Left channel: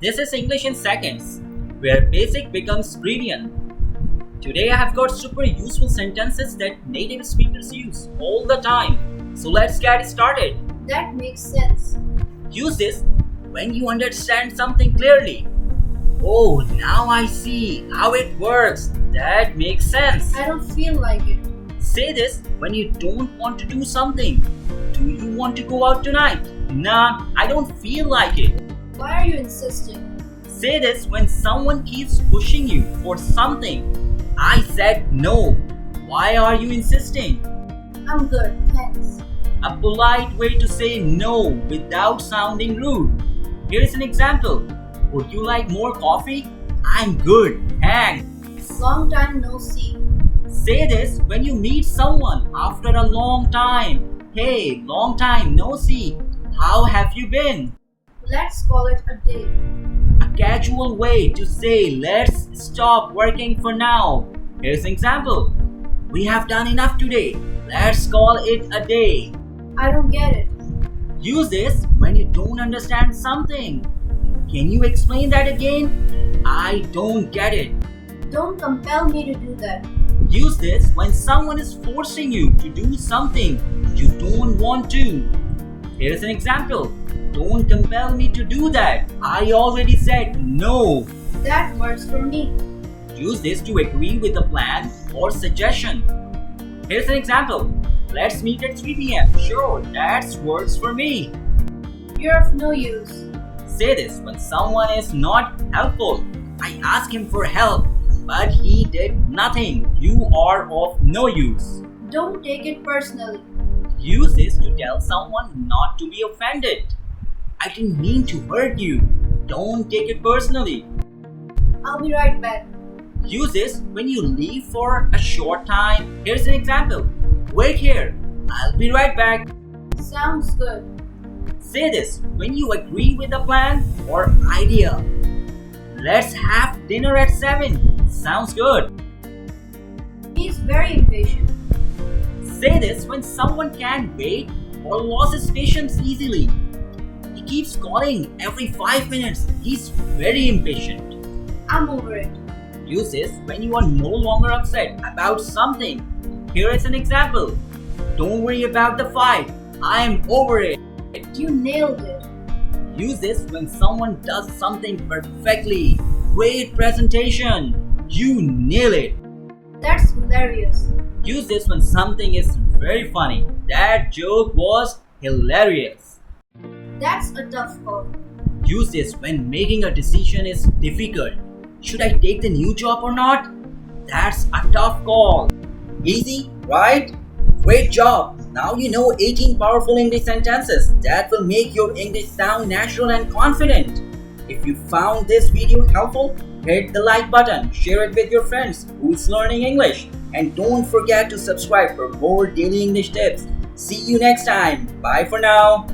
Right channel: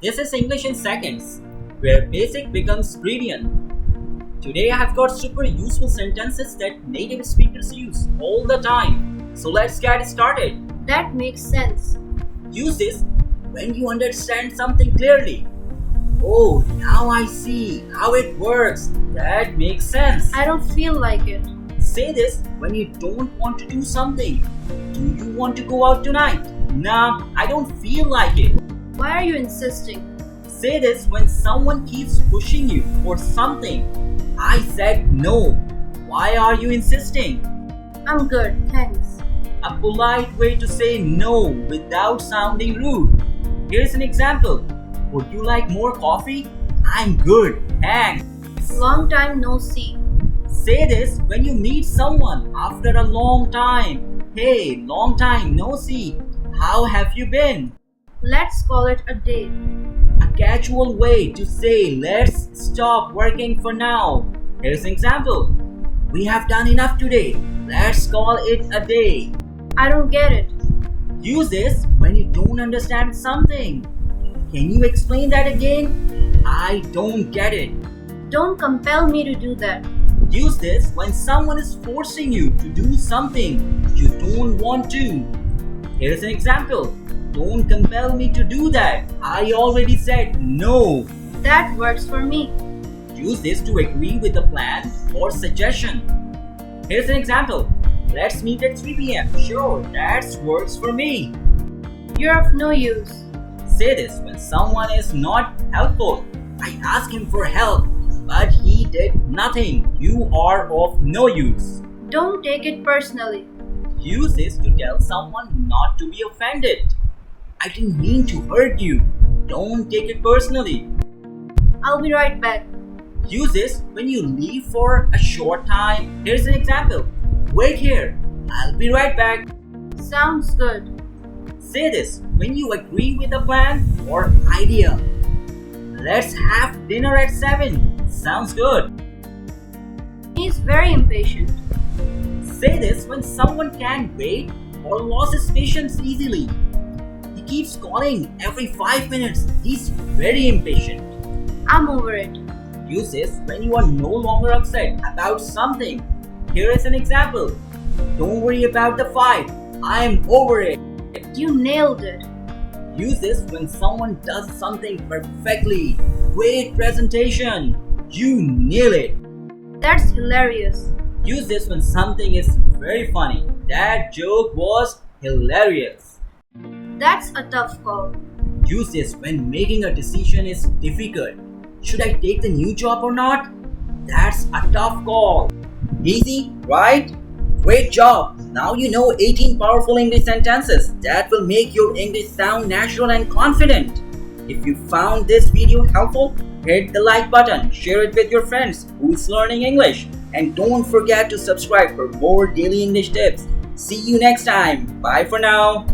This is English in seconds, where basic becomes brilliant. Today I have got super useful sentences that native speakers use all the time. So let's get started. That makes sense. Use this when you understand something clearly. Oh, now I see how it works. That makes sense. I don't feel like it. Say this when you don't want to do something. Do you want to go out tonight? Nah, I don't feel like it. Why are you insisting? Say this when someone keeps pushing you for something. I said no. Why are you insisting? I'm good, thanks. A polite way to say no without sounding rude. Here is an example. Would you like more coffee? I'm good, thanks. Long time no see. Say this when you meet someone after a long time. Hey, long time no see. How have you been? Let's call it a day. A casual way to say let's stop working for now. Here's an example. We have done enough today. Let's call it a day. I don't get it. Use this when you don't understand something. Can you explain that again? I don't get it. Don't compel me to do that. Use this when someone is forcing you to do something you don't want to. Here's an example. Don't compel me to do that. I already said no. That works for me. Use this to agree with a plan or suggestion. Here's an example. Let's meet at 3 p.m. Sure, that works for me. You're of no use. Say this when someone is not helpful. I asked him for help, but he did nothing. You are of no use. Don't take it personally. Use this to tell someone not to be offended. I didn't mean to hurt you. Don't take it personally. I'll be right back. Use this when you leave for a short time. Here's an example. Wait here. I'll be right back. Sounds good. Say this when you agree with a plan or idea. Let's have dinner at 7. Sounds good. He's very impatient. Say this when someone can't wait or loses patience easily. He keeps calling every 5 minutes. He's very impatient. I'm over it. Use this when you are no longer upset about something. Here is an example. Don't worry about the fight. I'm over it. You nailed it. Use this when someone does something perfectly. Great presentation. You nail it. That's hilarious. Use this when something is very funny. That joke was hilarious. That's a tough call. Use this when making a decision is difficult. Should I take the new job or not? That's a tough call. Easy, right? Great job! Now you know 18 powerful English sentences that will make your English sound natural and confident. If you found this video helpful, hit the like button, share it with your friends who's learning English, and don't forget to subscribe for more daily English tips. See you next time. Bye for now.